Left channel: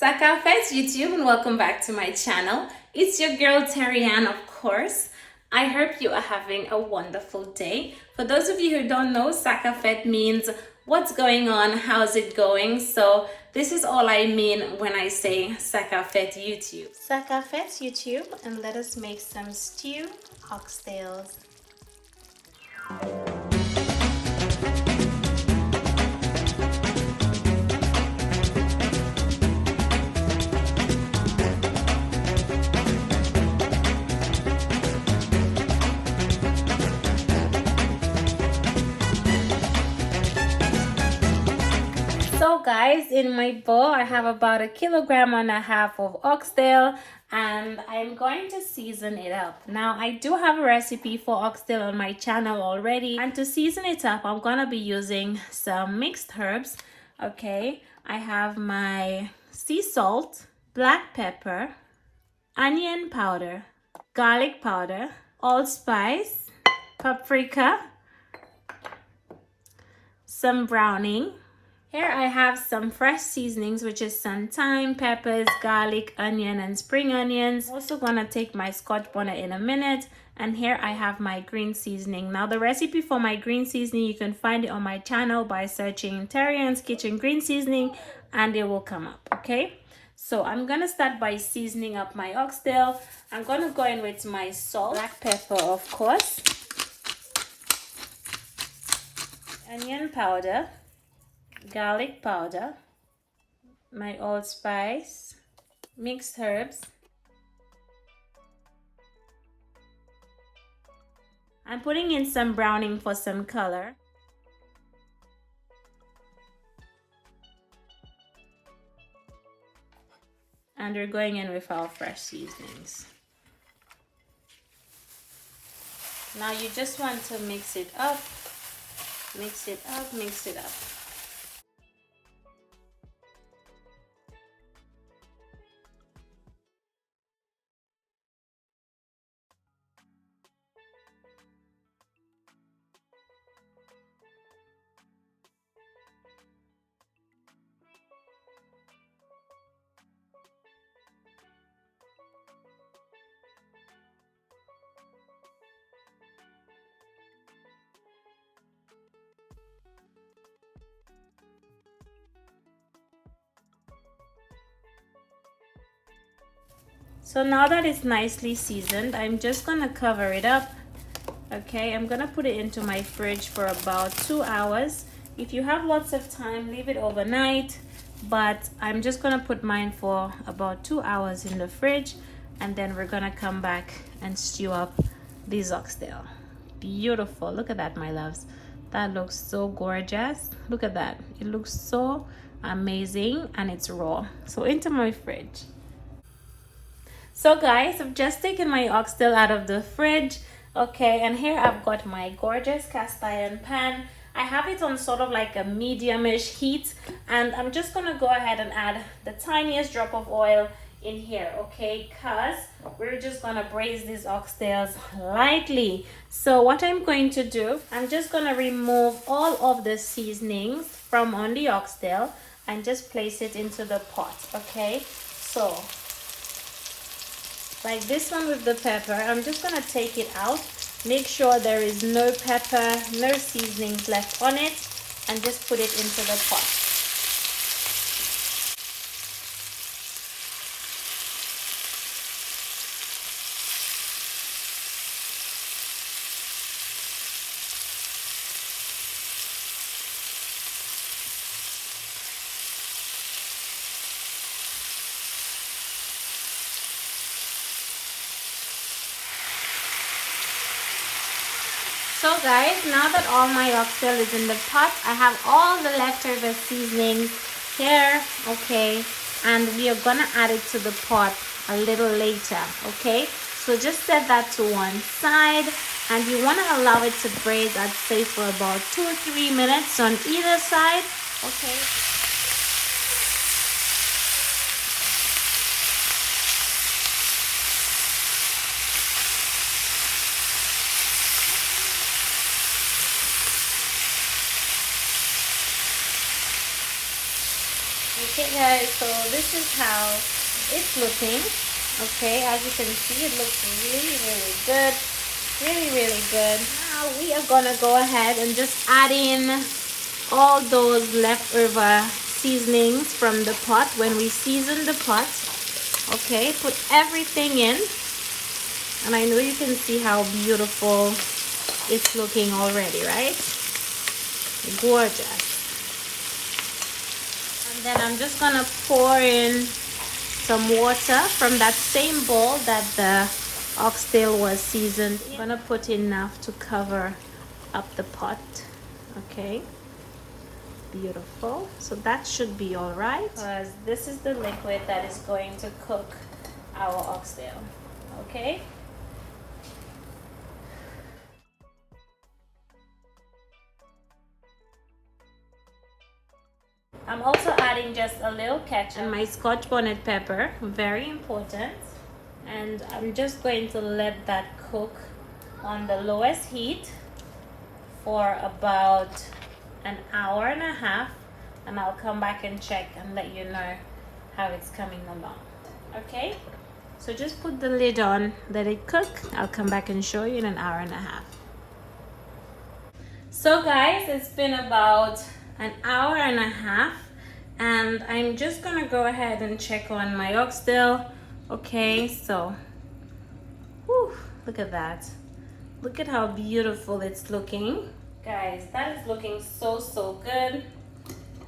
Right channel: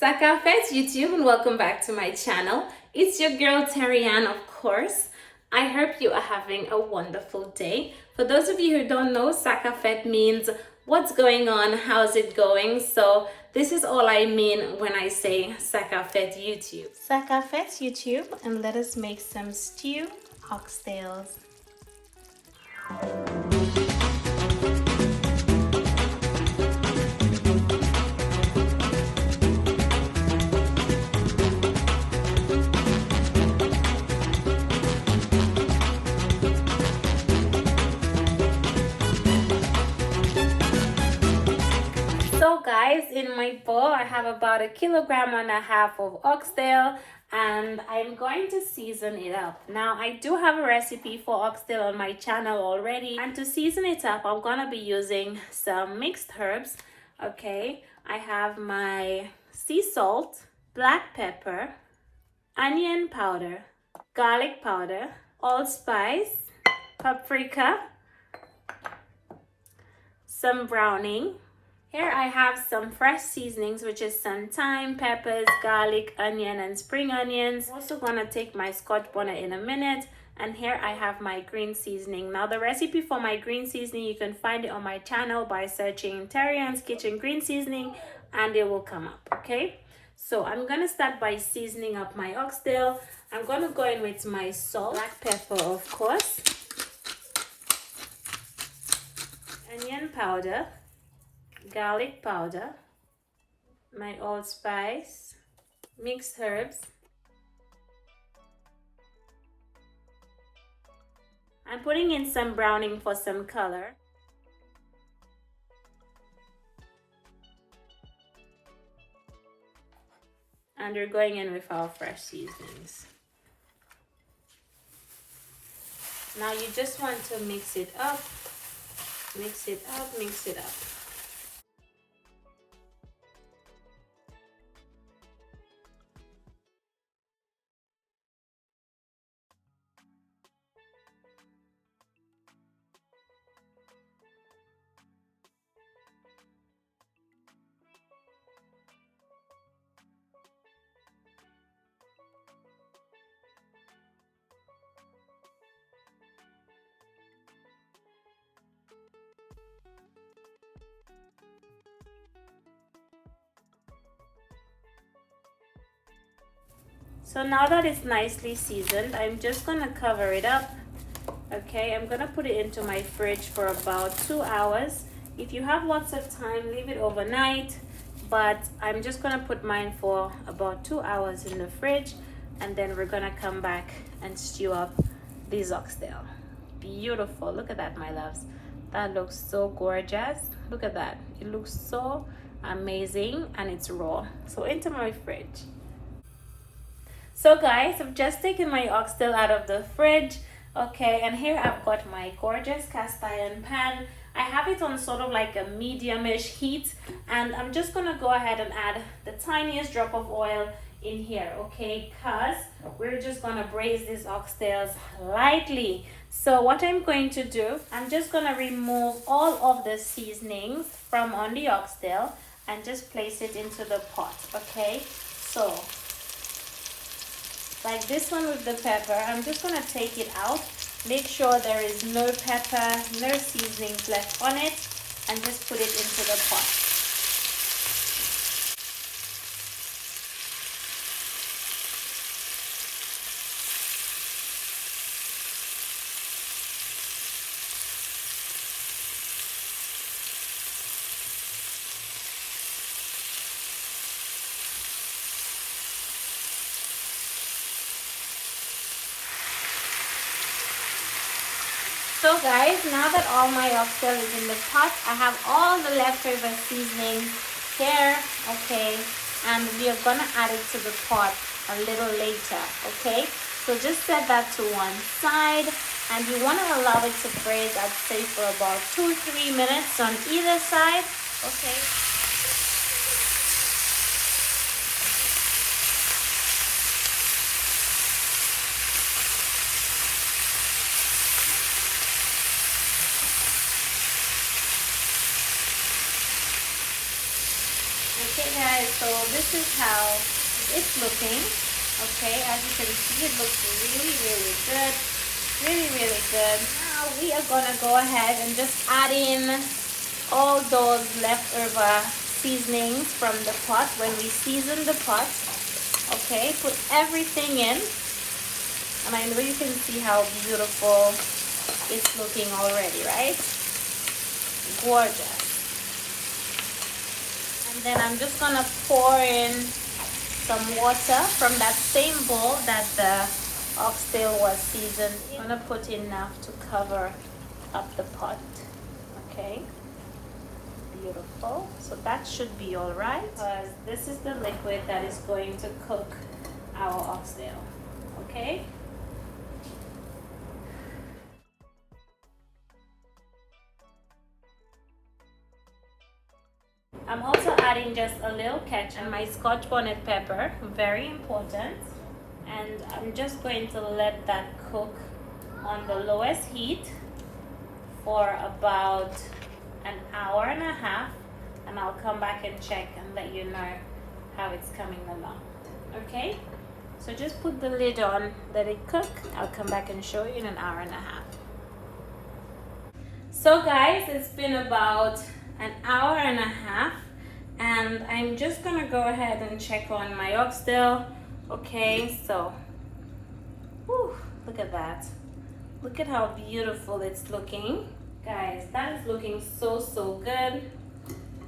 Sakafet YouTube, and welcome back to my channel. It's your girl TERRI-ANN, of course. I hope you are having a wonderful day. For those of you who don't know, Sakafet means what's going on, how's it going. So this is all I mean when I say Sakafet YouTube. Sakafet YouTube, and let us make some stew oxtails. So guys, in my bowl I have about 1.5 kilograms of oxtail, and I'm going to season it up. Now I do have a recipe for oxtail on my channel already, and to season it up I'm gonna be using some mixed herbs. Okay, I have my sea salt, black pepper, onion powder, garlic powder, allspice, paprika, some browning. Here I have some fresh seasonings, which is some thyme, peppers, garlic, onion, and spring onions. I'm also gonna take my scotch bonnet in a minute. And here I have my green seasoning. Now the recipe for my green seasoning, you can find it on my channel by searching TERRI-ANN'S Kitchen Green Seasoning, and it will come up, okay? So I'm gonna start by seasoning up my oxtail. I'm gonna go in with my salt, black pepper of course, onion powder, garlic powder, my allspice, mixed herbs. I'm putting in some browning for some color. And we're going in with our fresh seasonings. Now you just want to mix it up, mix it up, mix it up. So now that it's nicely seasoned, I'm just gonna cover it up. Okay, I'm gonna put it into my fridge for about 2 hours. If you have lots of time, leave it overnight, but I'm just gonna put mine for about 2 hours in the fridge, and then we're gonna come back and stew up these oxtail. Beautiful, look at that, my loves. That looks so gorgeous. Look at that, it looks so amazing, and it's raw. So into my fridge. So guys, I've just taken my oxtail out of the fridge. Okay, and here I've got my gorgeous cast iron pan. I have it on sort of like a medium-ish heat, and I'm just gonna go ahead and add the tiniest drop of oil in here, okay, because we're just gonna braise these oxtails lightly. So what I'm going to do, I'm just gonna remove all of the seasonings from on the oxtail and just place it into the pot, okay? So like this one with the pepper, I'm just gonna take it out, make sure there is no pepper, no seasonings left on it, and just put it into the pot. So guys, now that all my oxtail is in the pot, I have all the leftover seasonings here, okay, and we are gonna add it to the pot a little later, okay? So just set that to one side, and you wanna allow it to braise, I'd say for about 2 or 3 minutes on either side, okay? Okay, guys, so this is how it's looking. Okay, as you can see, it looks really, really good. Really, really good. Now we are gonna go ahead and just add in all those leftover seasonings from the pot when we season the pot. Okay, put everything in. And I know you can see how beautiful it's looking already, right? Gorgeous. And then I'm just gonna pour in some water from that same bowl that the oxtail was seasoned. I'm gonna put enough to cover up the pot. Okay, beautiful. So that should be all right, because this is the liquid that is going to cook our oxtail. Okay. I'm also adding just a little ketchup and my scotch bonnet pepper, very important. And I'm just going to let that cook on the lowest heat for about an hour and a half, and I'll come back and check and let you know how it's coming along. Okay, so just put the lid on, let it cook. I'll come back and show you in an hour and a half. So guys, it's been about an hour and a half, and I'm just gonna go ahead and check on my oxtail. Okay, so whew, look at that. Look at how beautiful it's looking. Guys, that is looking so good.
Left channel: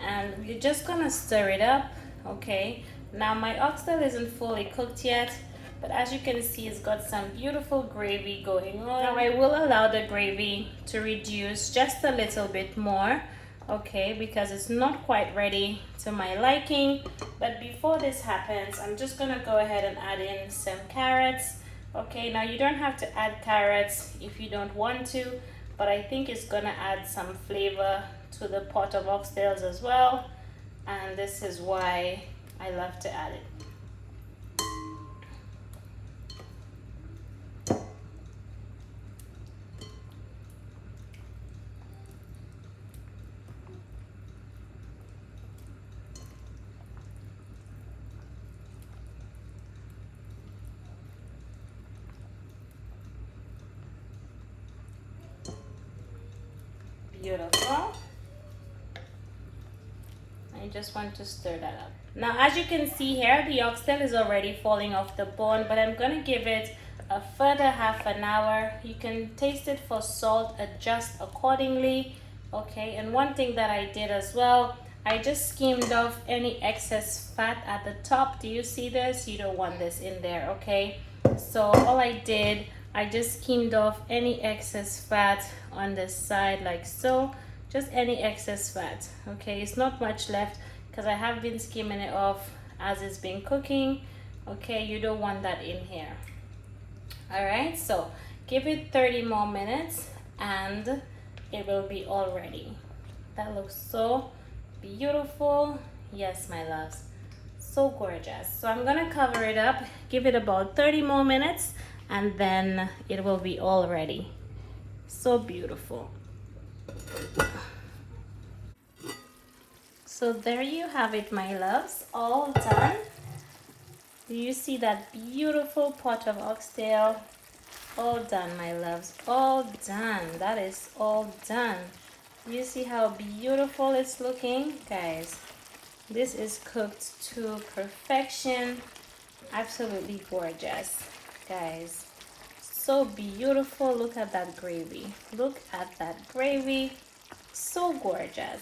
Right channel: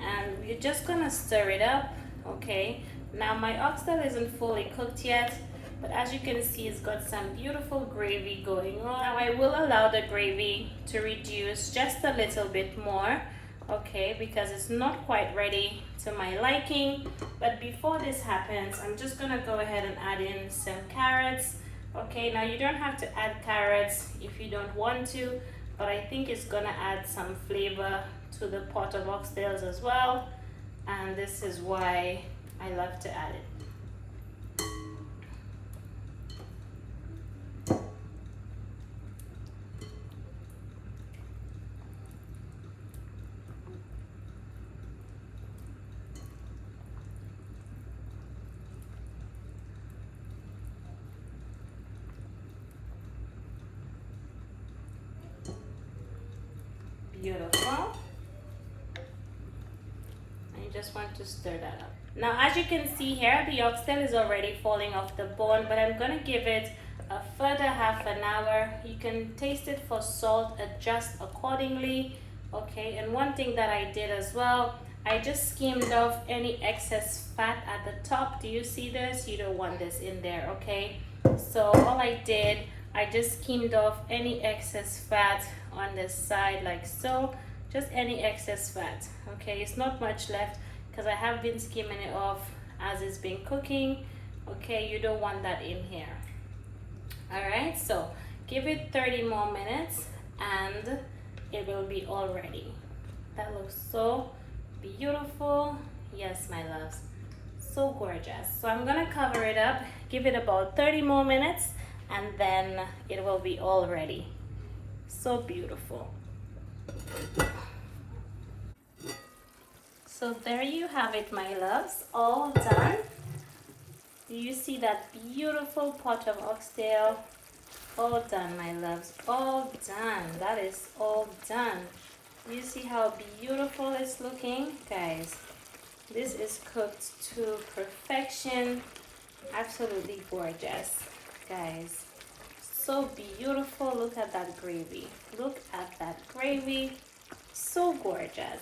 And we're just gonna stir it up. Okay, now my oxtail isn't fully cooked yet, but as you can see, it's got some beautiful gravy going on. Now I will allow the gravy to reduce just a little bit more, okay, because it's not quite ready to my liking. But before this happens, I'm just gonna go ahead and add in some carrots. Okay, now you don't have to add carrots if you don't want to, but I think it's gonna add some flavor to the pot of oxtails as well, and this is why I love to add it. Beautiful. I just want to stir that up. Now as you can see here, the oxtail is already falling off the bone, but I'm going to give it a further half an hour. You can taste it for salt, adjust accordingly. Okay, and one thing that I did as well, I just skimmed off any excess fat at the top. Do you see this? You don't want this in there, okay? So all I did, I just skimmed off any excess fat on this side like so, just any excess fat. Okay, it's not much left because I have been skimming it off as it's been cooking. Okay, you don't want that in here. All right, so give it 30 more minutes and it will be all ready. That looks so beautiful. Yes, my loves, so gorgeous. So I'm gonna cover it up, give it about 30 more minutes, and then it will be all ready. So beautiful. So there you have it, my loves, all done. You see that beautiful pot of oxtail? All done, my loves, all done. That is all done. You see how beautiful it's looking? Guys, this is cooked to perfection. Absolutely gorgeous, guys. So beautiful. Look at that gravy. Look at that gravy. So gorgeous.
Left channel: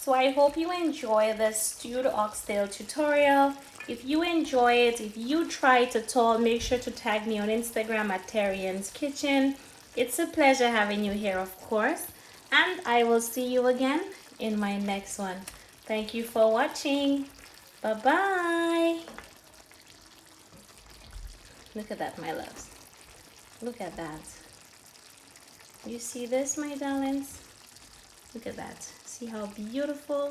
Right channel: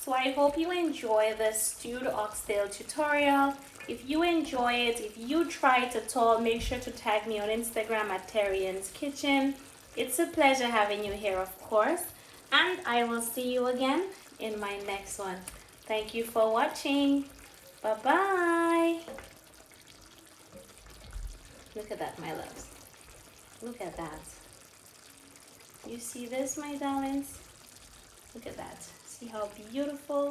So I hope you enjoy this stewed oxtail tutorial. If you enjoy it, if you try it at all, make sure to tag me on Instagram at TERRI-ANN'S Kitchen. It's a pleasure having you here, of course. And I will see you again in my next one. Thank you for watching. Bye-bye. Look at that, my loves. Look at that. You see this, my darlings? Look at that. See how beautiful